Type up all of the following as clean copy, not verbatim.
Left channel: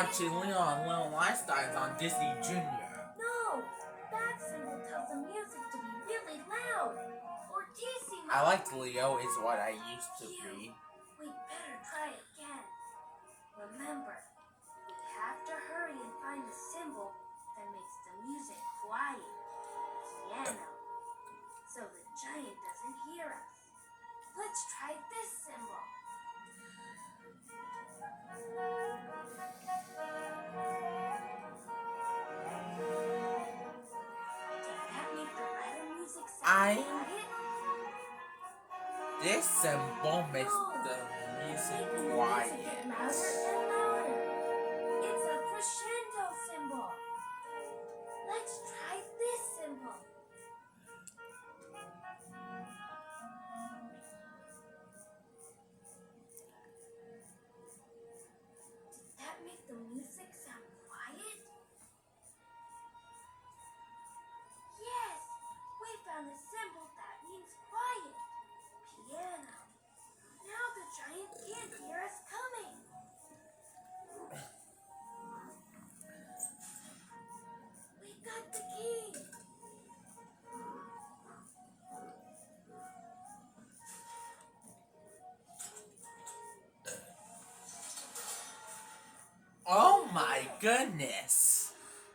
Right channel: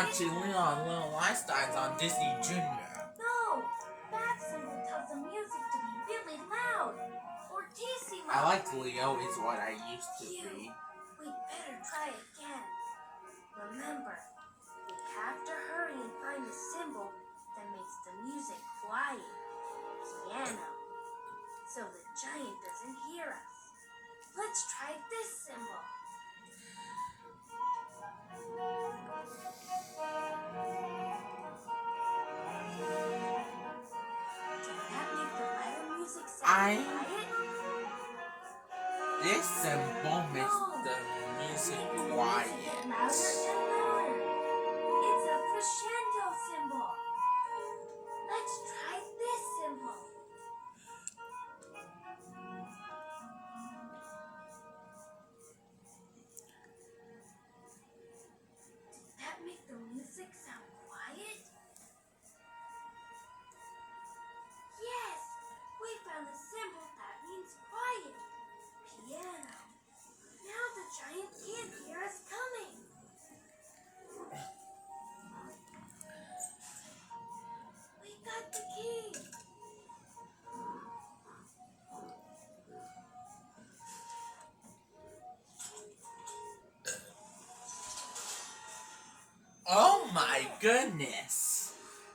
watching Leon Little Einsteins on Disney Junior. No, that symbol tells the music to be really loud. Fortissimo. I like Leo is what I used to be. We better try again. Remember, we have to hurry and find the symbol that makes the music quiet. Piano. So the giant doesn't hear us. Let's try this symbol. Does that make the ladder music sound quiet? This symbol makes the music quiet. It's a crescendo symbol. Let's try this symbol. Did that make the music sound quiet? Yes, we found a symbol that means quiet. Piano. Now the giant can't hear us coming. We got the key. Oh my goodness.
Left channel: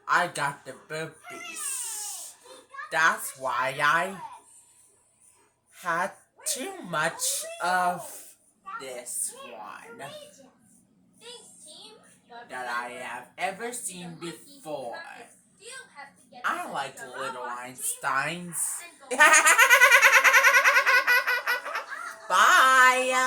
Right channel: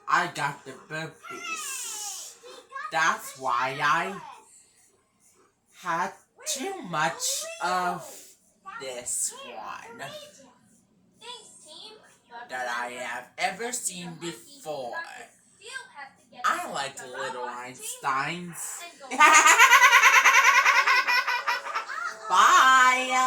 I got the burpees. That's why I had too much of this one that I have ever seen before. I like Little Einsteins. Bye.